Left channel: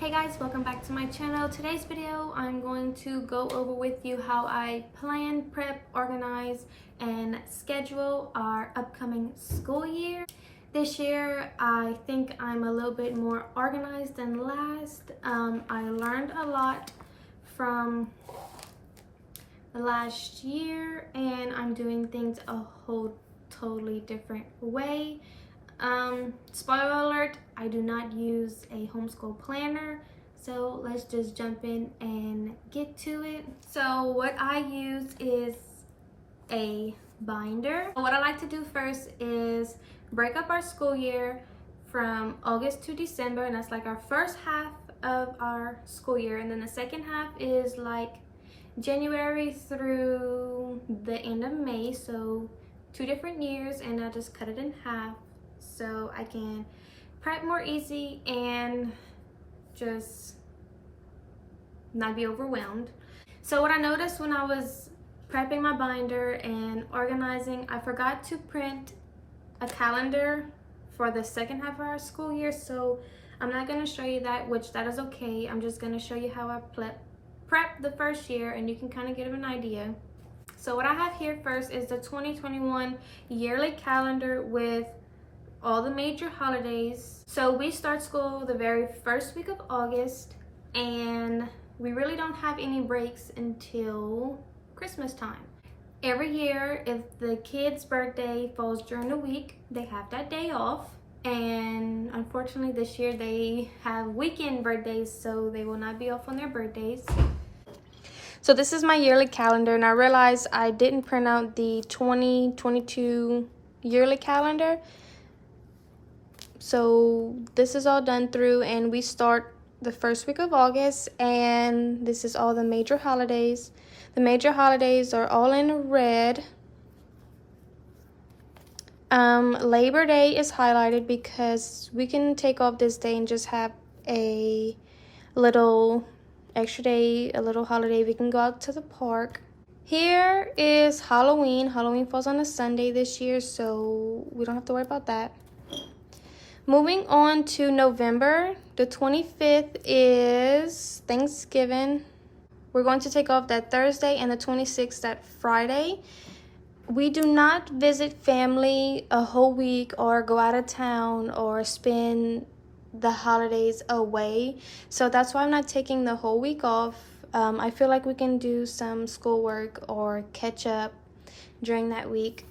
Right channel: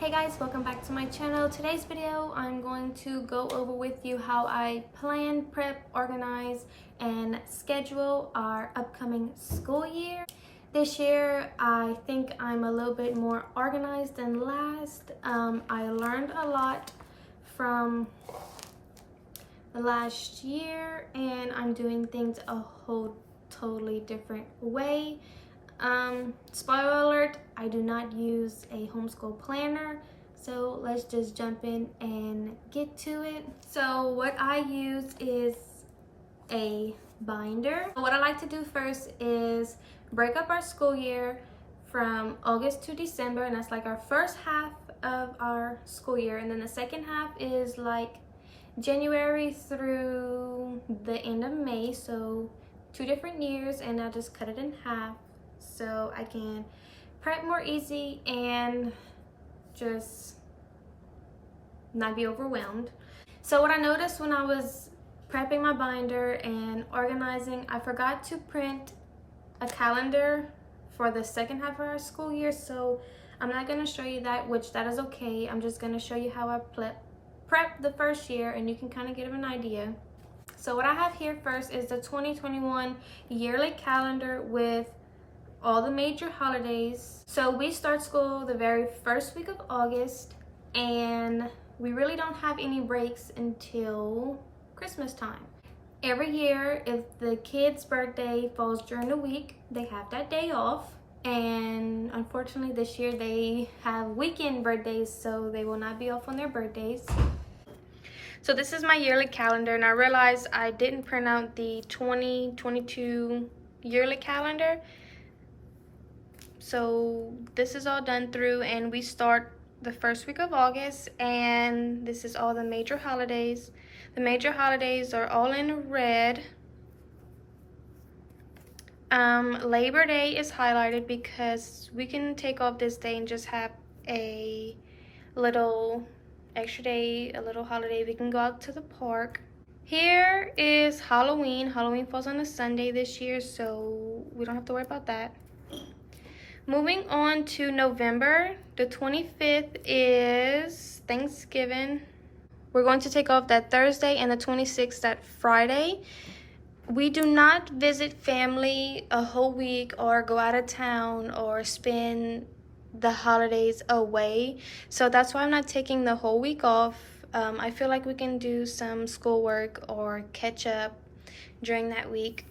Hey guys, welcome back to my channel. Today's video, I'm going to go over with you how I plan, prep, organize, and schedule our upcoming school year. This year, I think I'm a little bit more organized than last. I learned a lot from the last year, and I'm doing things a whole totally different way. Spoiler alert, I do not use a homeschool planner, so let's just jump in and get to it. So what I use is a binder. What I like to do first is break up our school year from August to December, and that's like our first half of our school year, and then the second half is like January through the end of May, so 2 different years, and I just cut it in half so I can prep more easy and just not be overwhelmed. So what I noticed when I was prepping my binder and organizing, I forgot to print a calendar for the second half of our school year, so I'm not going to show you that, which that is okay. I'm just going to show you how I prep the first year, and you can kind of get an idea. So what I have here first is the 2021 yearly calendar with all the major holidays. So we start school the very first week of August, and we really don't have any breaks until Christmas time. Every year, if the kid's birthday falls during the week, they have that day off. And unfortunately this year they have weekend birthdays, so they will not be off on their birthdays. So this is my yearly calendar, and I realized I didn't print out the 2022 yearly calendar. So this is all done through, and we start the first week of August, and this is all the major holidays. The major holidays are all in red. Labor Day is highlighted because we can take off this day and just have a little extra day, a little holiday. We can go out to the park. Here is Halloween. Halloween falls on a Sunday this year, so we don't have to worry about that. Moving on to November, the 25th is Thanksgiving. We're going to take off that Thursday, and the 26th that Friday. We do not visit family a whole week or go out of town or spend the holidays away. So that's why I'm not taking the whole week off. I feel like we can do some schoolwork or catch up during that week.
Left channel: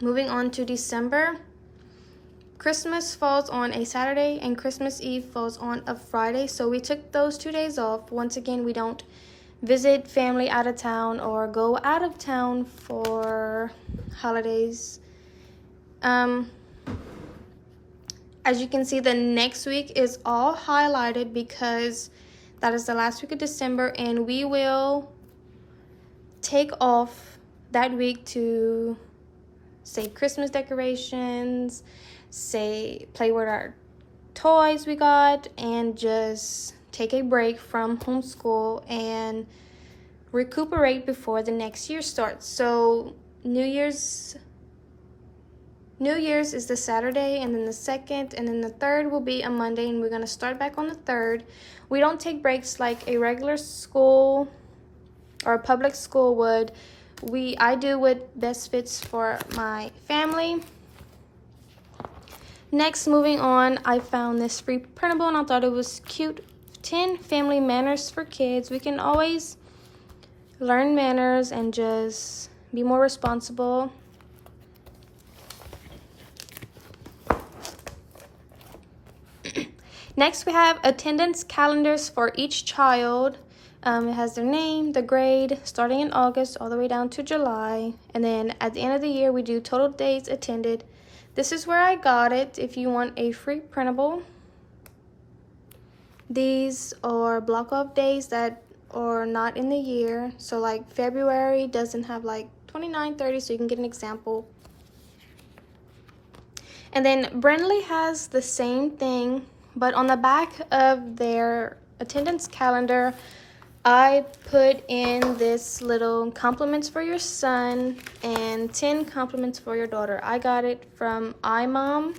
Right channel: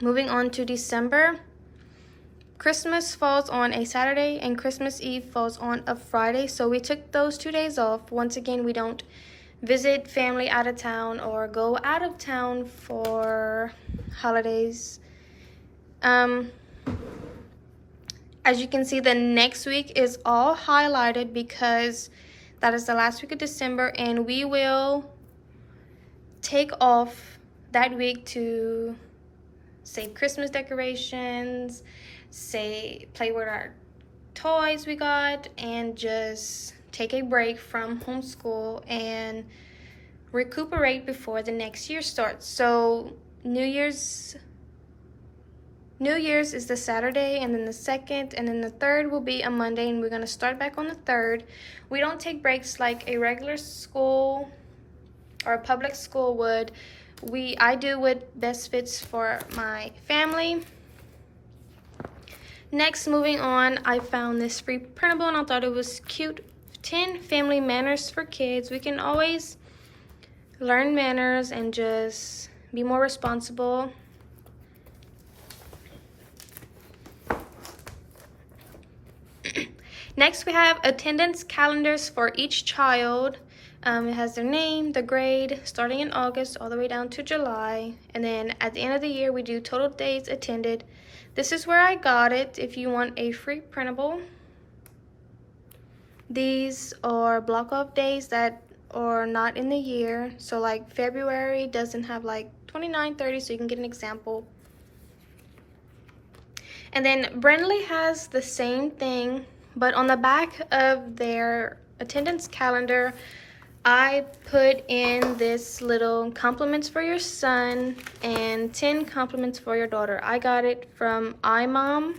Moving on to December. Christmas falls on a Saturday and Christmas Eve falls on a Friday, so we took those 2 days off. Once again, we don't visit family out of town or go out of town for holidays. As you can see, the next week is all highlighted because that is the last week of December, and we will take off that week to say Christmas decorations, play with our toys we got, and just take a break from homeschool and recuperate before the next year starts. So New Year's is the Saturday, and then the 2nd, and then the 3rd will be a Monday, and we're going to start back on the 3rd. We don't take breaks like a regular school or a public school would. I do what best fits for my family. Next, moving on, I found this free printable, and I thought it was cute. 10 family manners for kids. We can always learn manners and just be more responsible. Next, we have attendance calendars for each child. It has their name, the grade, starting in August all the way down to July. And then at the end of the year, we do total days attended. This is where I got it if you want a free printable. These are block off days that are not in the year. So like February doesn't have like 29, 30, so you can get an example. And then Brindley has the same thing, but on the back of their attendance calendar, I put in this little compliments for your son and 10 compliments for your daughter. I got it from iMom.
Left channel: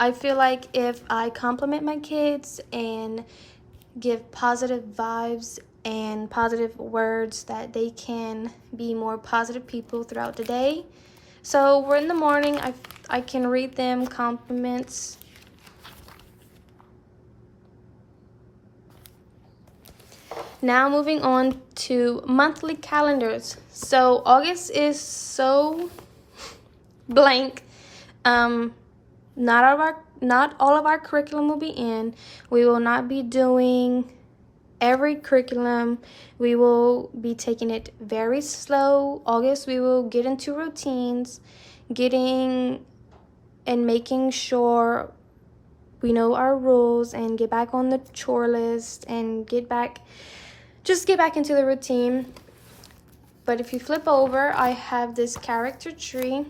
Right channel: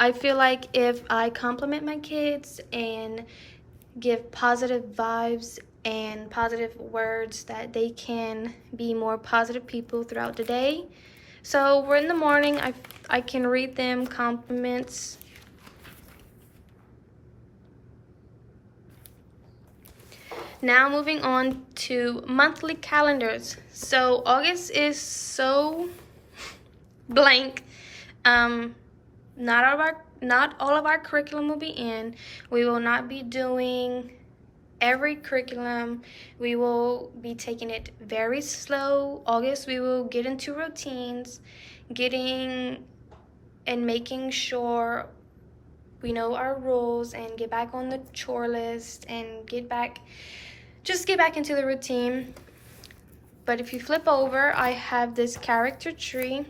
I feel like if I compliment my kids and give positive vibes and positive words, that they can be more positive people throughout the day. So we're in the morning, I can read them compliments. Now moving on to monthly calendars. So August is so blank. Not all of our curriculum will be in. We will not be doing every curriculum. We will be taking it very slow. August, we will get into routines, getting and making sure we know our rules and get back on the chore list and just get back into the routine. But if you flip over, I have this character tree.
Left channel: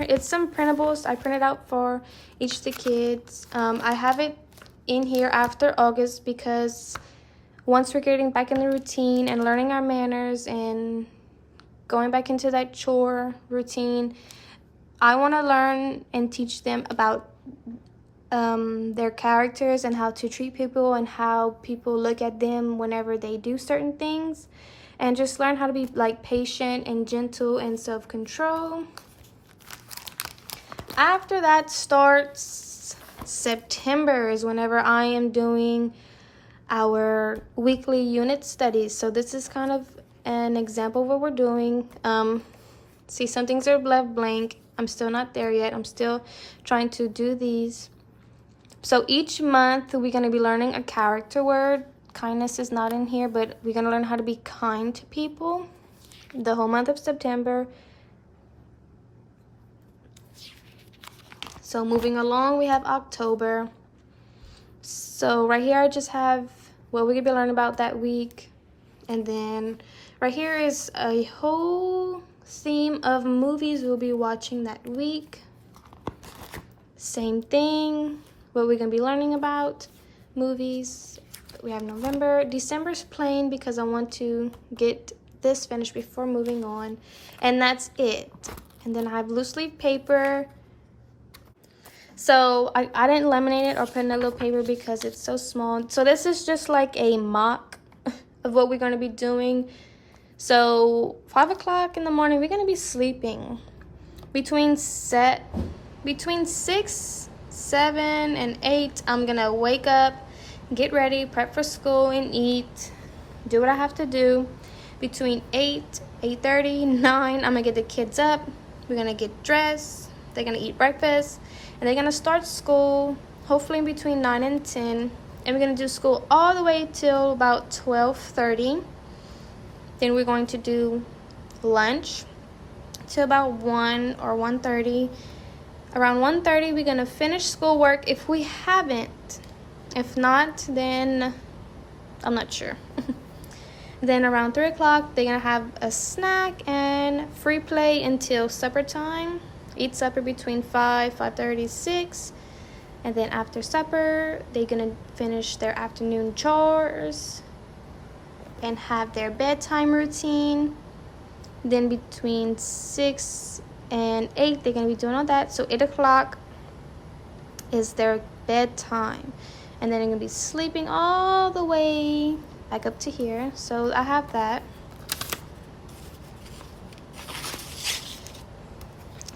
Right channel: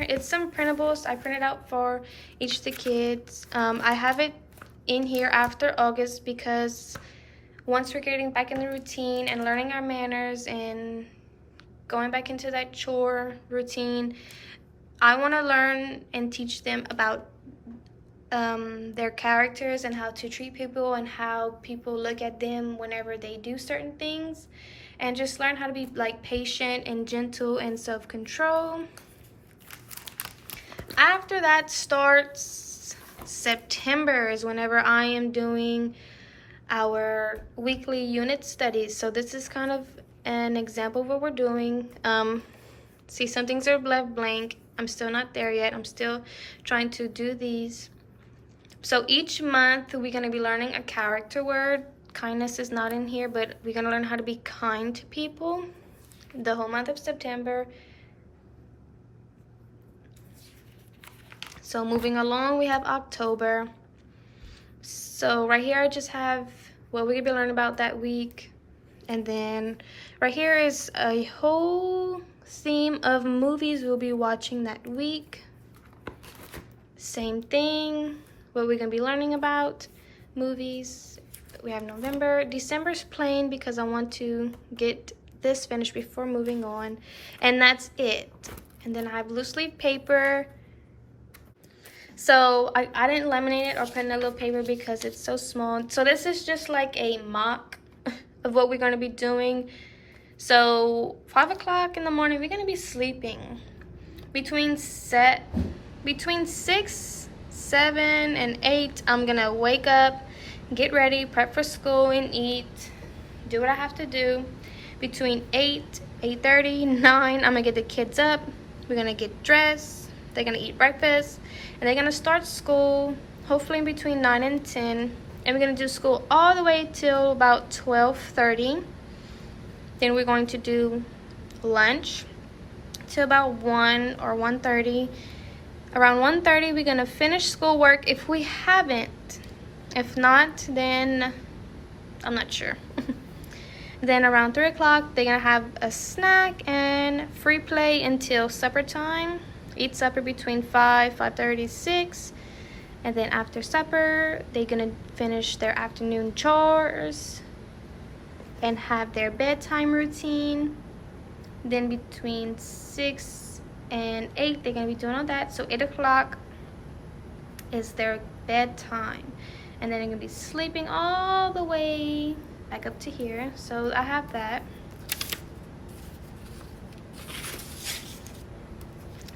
It's some printables I printed out for each of the kids. I have it in here after August because once we're getting back in the routine and learning our manners and going back into that chore routine, I want to learn and teach them about their characters and how to treat people and how people look at them whenever they do certain things, and just learn how to be like patient and gentle and self-control. After that starts September, is whenever I am doing our weekly unit studies. So this is kind of an example of what we're doing. See, some things are left blank. I'm still not there yet. I'm still trying to do these. So each month we're going to be learning a character word. Kindness is not in here, but we're going to learn how to be kind to people the whole month of September. So moving along, we have October. So right here I just have what we're going to be learning about that week. And then right here is a whole theme of movies we'll be watching that week. Same thing, what we're going to be learning about, movies. We have November. December's plain because I want to get this finished before moving on. And that's it. And then I have loose leaf paper. So I didn't laminate it or put in a little paper because it's so small. So this is just like a mock of what we're going to be doing. So 5 o'clock in the morning, we're going to be sleeping. Between 6, 7, and 8, I'm going to wake up, get ready, prep for school, and eat. Do what I have to do. Between 8, 8:30, 9, I'm going to get the kids up. We're going to get dressed. They're going to eat breakfast. And they're going to start school, hopefully in between 9 and 10. And we're going to do school all the way till about 12:30. Then we're going to do lunch till about 1 or 1:30. Around 1:30, we're going to finish schoolwork if we haven't. If not, then I'm not sure. Then around 3 o'clock, they're going to have a snack and free play until supper time. Eat supper between 5, 5:30, 6. And then after supper, they're going to finish their afternoon chores and have their bedtime routine. Then between 6 and 8, they're going to be doing all that. So 8 o'clock is their bedtime. And then they're going to be sleeping all the way back up to here. So I have that.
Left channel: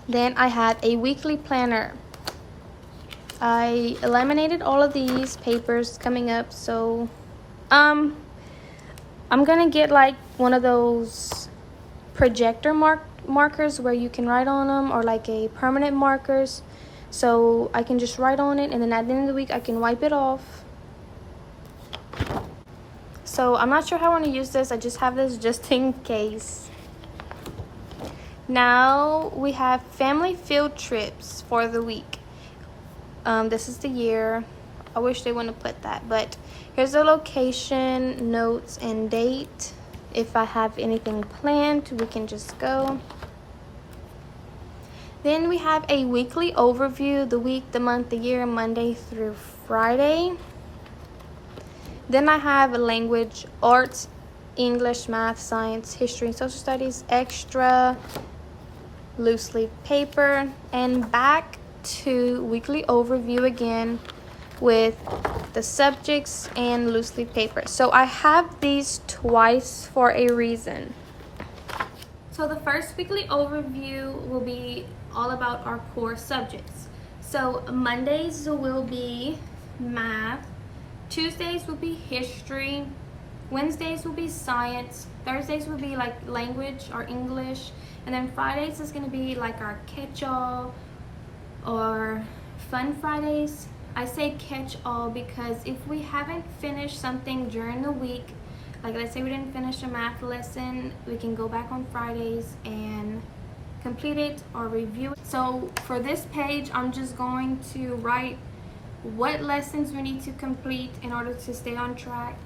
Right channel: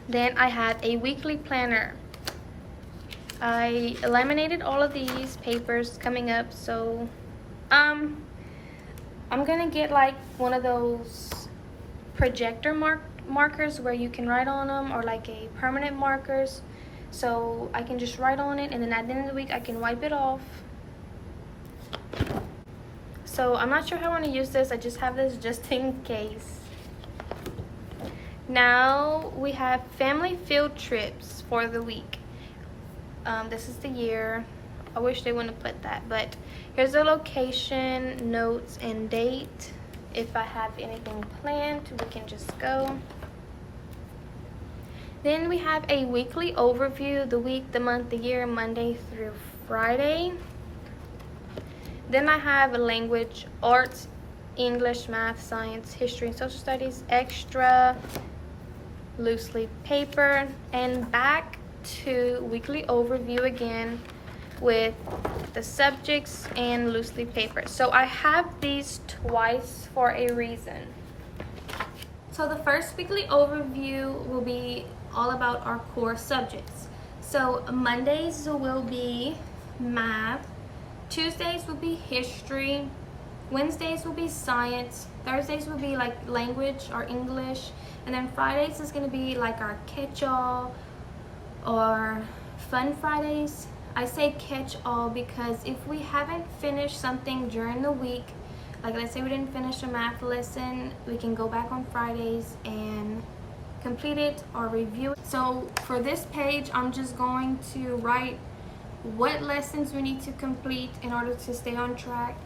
Then I have a weekly planner. I laminated all of these papers coming up. So I'm gonna get like one of those projector markers where you can write on them, or like a permanent markers, so I can just write on it, and then at the end of the week I can wipe it off. So I'm not sure how I want to use this. I just have this just in case. Now we have family field trips for the week. This is the year. I wish they wouldn't have put that, but here's the location, notes, and date. If I have anything planned, we can just go. Then we have a weekly overview, the week, the month, the year, Monday through Friday. Then I have a language, arts, English, math, science, history, and social studies, extra, loose leaf paper. And back to weekly overview again with the subjects and loose leaf paper. So I have these twice for a reason. So the first weekly overview will be all about our core subjects. So Mondays will be math, Tuesdays will be history, Wednesdays will be science, Thursdays will be like language or English, and then Fridays is going to be like our catch-all or fun Fridays. I say catch-all because if we haven't finished something during the week, like let's say we didn't finish a math lesson, we can go back on Fridays and complete it or review it. So for this page, I'm just going to write what lessons we need to complete in order to stay on track.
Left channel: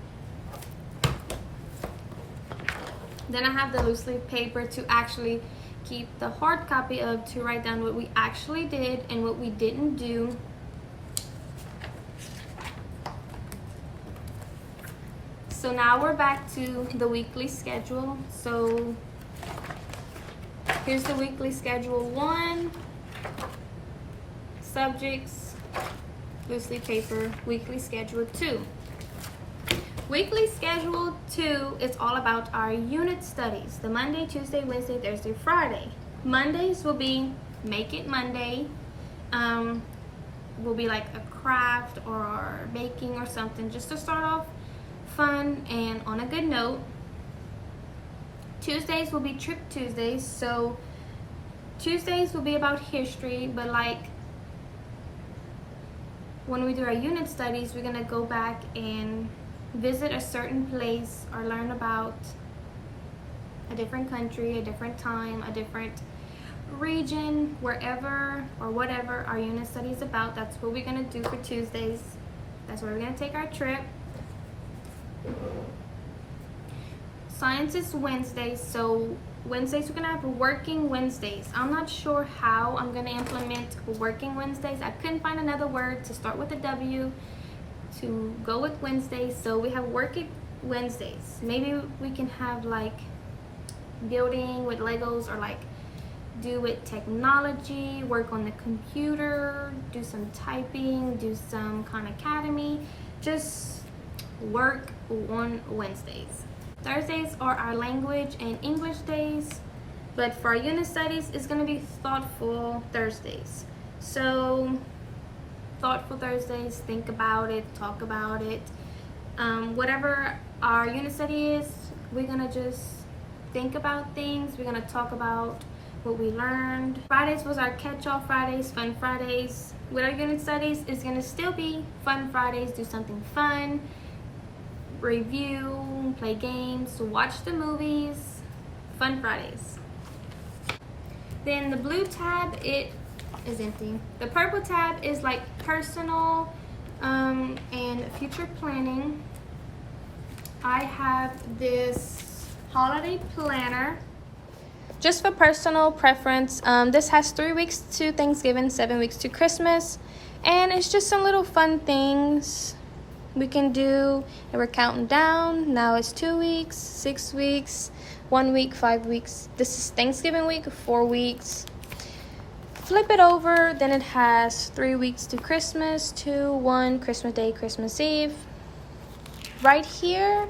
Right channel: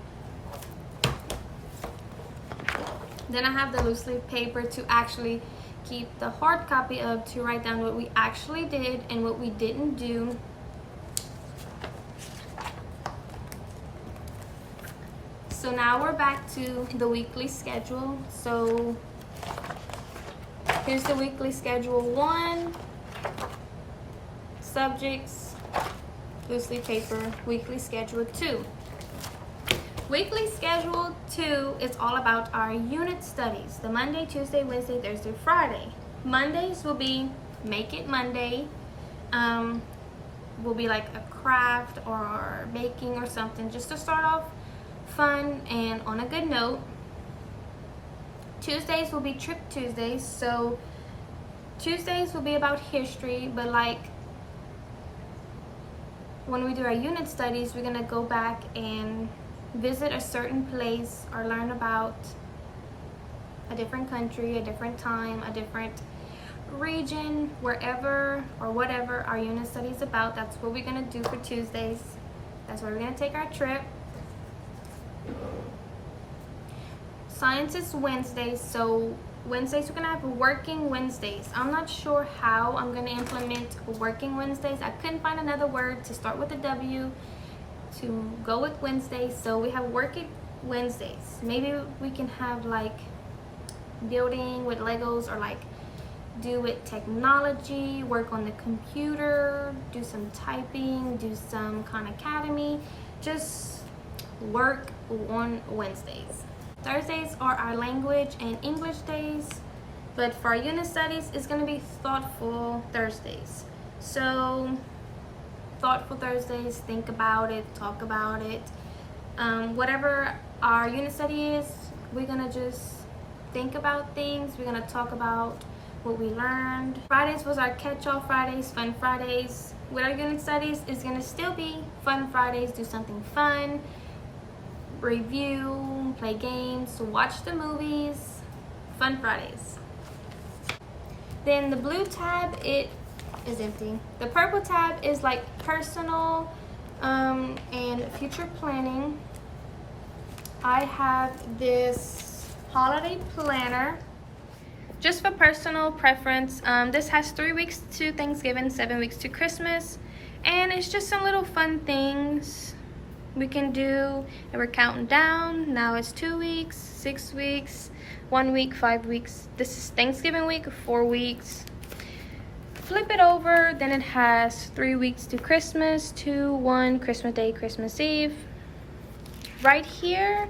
Then I have the loose leaf paper to actually keep the hard copy of, to write down what we actually did and what we didn't do. So now we're back to the weekly schedule. So here's the weekly schedule 1, subjects, loose leaf paper, weekly schedule 2. Weekly schedule 2 is all about our unit studies. The Monday, Tuesday, Wednesday, Thursday, Friday. Mondays will be Make It Monday. Will be like a craft or baking or something just to start off fun and on a good note. Tuesdays will be Trip Tuesdays. So Tuesdays will be about history, but like when we do our unit studies, we're gonna go back and visit a certain place or learn about a different country, a different time, a different region, wherever or whatever our unit study is about. That's what we're gonna do for Tuesdays. That's where we're gonna take our trip. Science is Wednesdays, so Wednesdays we're gonna have working Wednesdays. I'm not sure how I'm gonna implement working Wednesdays. I couldn't find another word to start with a W to go with Wednesdays, so we have working Wednesdays. Maybe we can have like building with Legos, or like do with technology, work on the computer, do some typing, do some Khan Academy, just work on Wednesdays. Thursdays are our language and English days, but for our unit studies, it's going to be thoughtful Thursdays. So thoughtful Thursdays, think about it, talk about it. Whatever our unit study is, we're going to just think about things. We're going to talk about what we learned. Fridays was our catch-all Fridays, fun Fridays. With our unit studies, it's going to still be fun Fridays, do something fun, review, play games, watch the movies, fun Fridays. Then the blue tab, it is empty. The purple tab is like personal and future planning. I have this holiday planner just for personal preference. This has 3 weeks to Thanksgiving, 7 weeks to Christmas, and it's just some little fun things we can do. And we're counting down. Now it's 2 weeks, 6 weeks, 1 week, 5 weeks. This is Thanksgiving week, 4 weeks. Flip it over, then it has 3 weeks to Christmas, 2, 1, Christmas Day, Christmas Eve. Right here,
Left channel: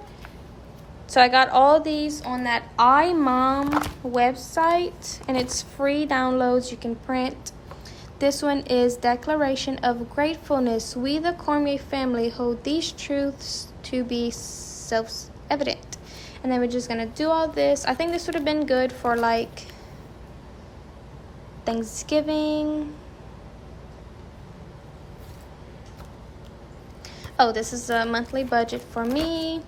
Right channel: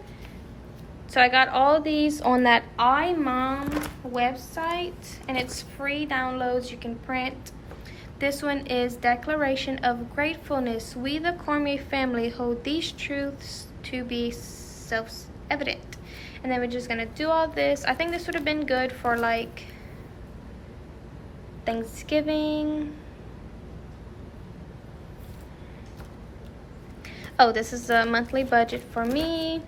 so I got all these on that iMom website, and it's free downloads you can print. This one is Declaration of Gratefulness. We, the Cormier family, hold these truths to be self-evident. And then we're just gonna do all this. I think this would have been good for like Thanksgiving. Oh, this is a monthly budget for me.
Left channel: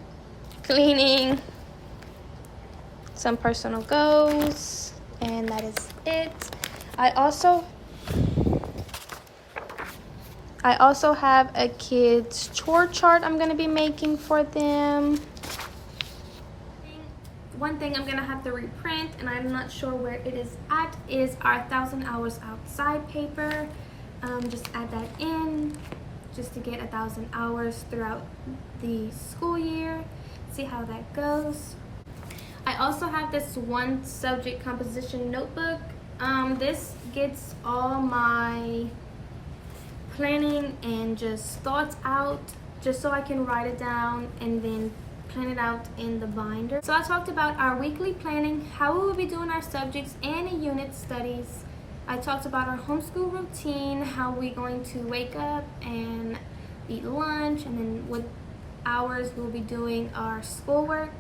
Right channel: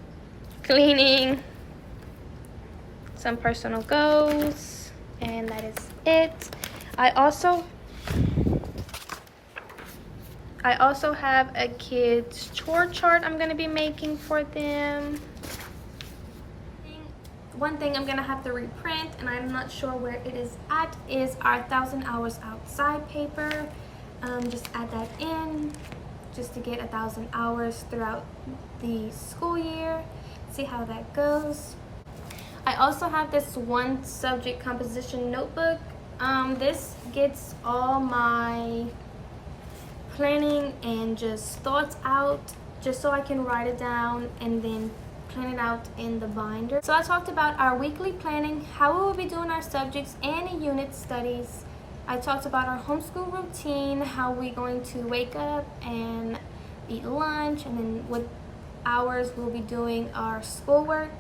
Cleaning, some personal goals, and that is it. I also have a kids chore chart I'm gonna be making for them. One thing I'm gonna have to reprint, and I'm not sure where it is at, is our 1,000 hours outside paper. Just add that in just to get 1,000 hours throughout the school year. See how that goes. I also have this one subject composition notebook. This gets all my planning and just thoughts out, just so I can write it down and then plan it out in the binder. So I talked about our weekly planning, how we will be doing our subjects and unit studies. I talked about our homeschool routine, how we're going to wake up and eat lunch, and then what hours we'll be doing our schoolwork.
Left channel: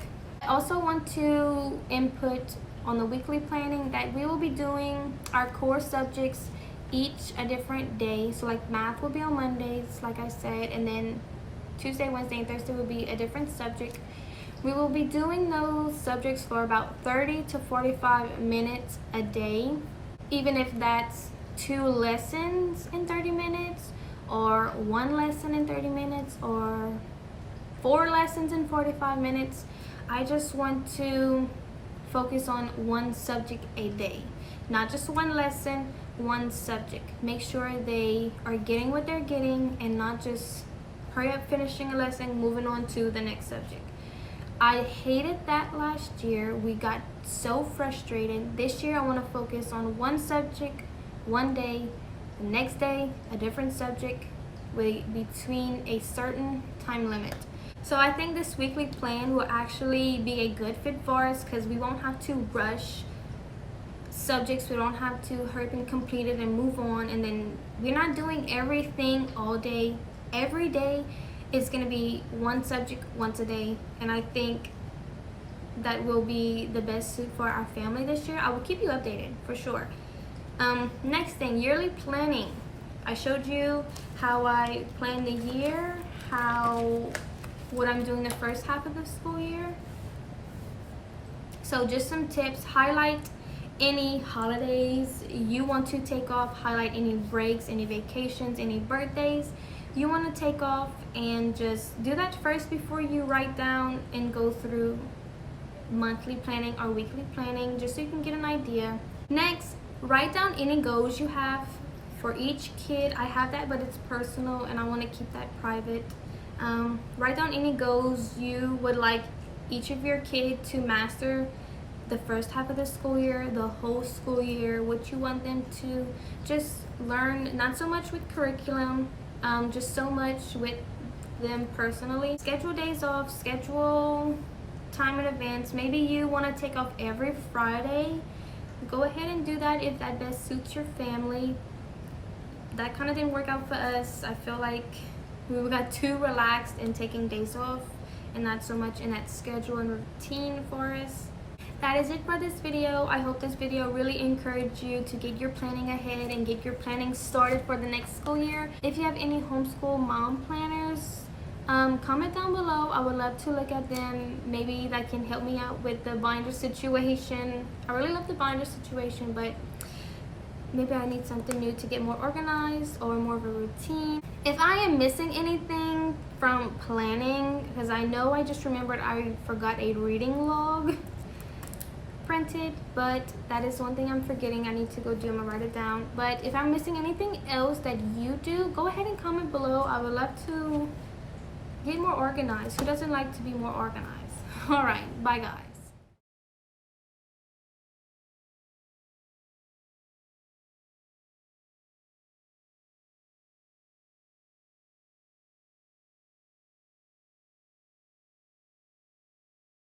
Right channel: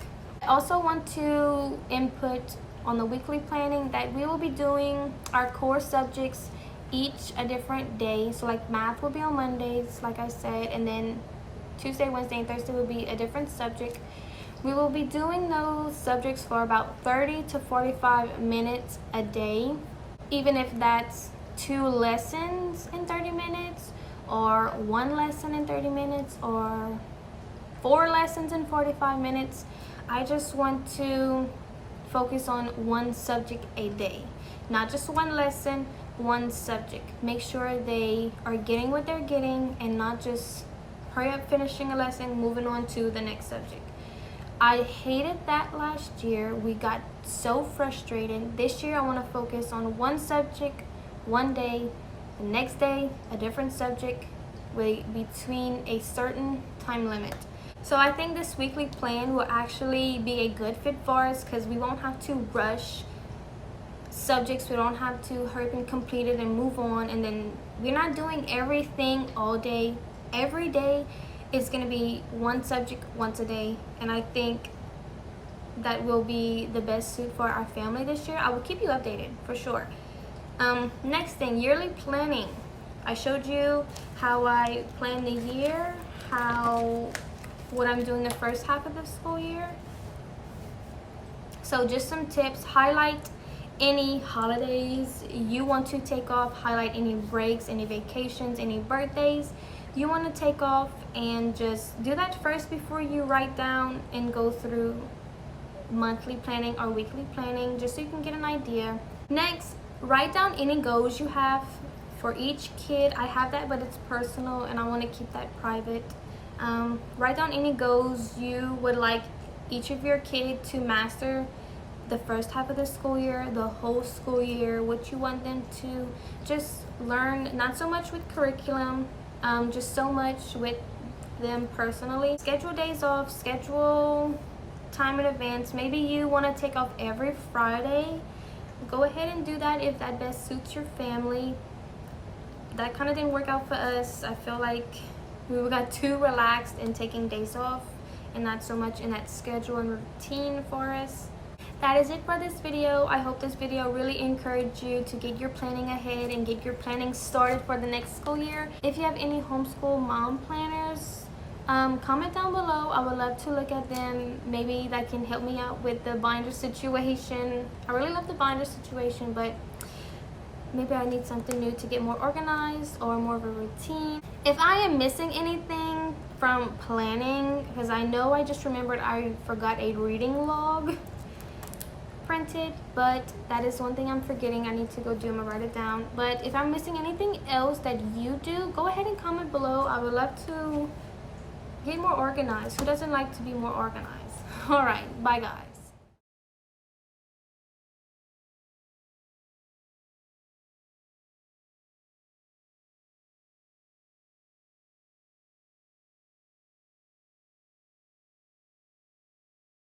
I also want to input on the weekly planning that we will be doing our core subjects each a different day. So like math will be on Mondays, like I said, and then Tuesday, Wednesday, and Thursday will be a different subject. We will be doing those subjects for about 30 to 45 minutes a day, even if that's 2 lessons in 30 minutes, or 1 lesson in 30 minutes, or 4 lessons in 45 minutes. I just want to focus on 1 subject a day, not just 1 lesson, 1 subject. Make sure they are getting what they're getting and not just hurry up finishing a lesson, moving on to the next subject. I hated that last year. We got so frustrated. This year I want to focus on 1 subject, 1 day, the next day a different subject between a certain time limit. So I think this weekly plan will actually be a good fit for us because we won't have to rush subjects. We don't have to hurry up and complete it and move on. And then we're not doing everything all day. Every day is going to be 1 subject once a day. And I think that will be the best suit for our family this year. I will keep you updated for sure. Next thing, yearly planning. I showed you how I plan the year, what I'm doing the first half of the school year. So just some tips. Highlight any holidays you want to take off. Highlight any breaks, any vacations, any birthdays you want to take off, and just do that first before you write down and go through monthly planning or weekly planning, just so you can get an idea. Next, write down any goals you have for each kid. I have that, but it's personal and I want to keep that private. Write down any goals you would like each of your kids to master the first half of the school year, the whole school year, what you want them to just learn, not so much with curriculum, just so much with them personally. Schedule days off, schedule time in advance. Maybe you want to take off every Friday. Go ahead and do that if that best suits your family. That kind of didn't work out for us. I feel like we got too relaxed in taking days off and not so much in that schedule and routine for us. That is it for this video. I hope this video really encouraged you to get your planning ahead and get your planning started for the next school year. If you have any homeschool mom planners, comment down below. I would love to look at them. Maybe that can help me out with the binder situation. I really love the binder situation, but maybe I need something new to get more organized or more of a routine. If I am missing anything from planning, because I know I just remembered I forgot a reading log printed, but that is one thing I'm forgetting. I need to go do. I'm gonna write it down. But if I'm missing anything else that you do, go ahead and comment below. I would love to get more organized. Who doesn't like to be more organized? All right, bye guys.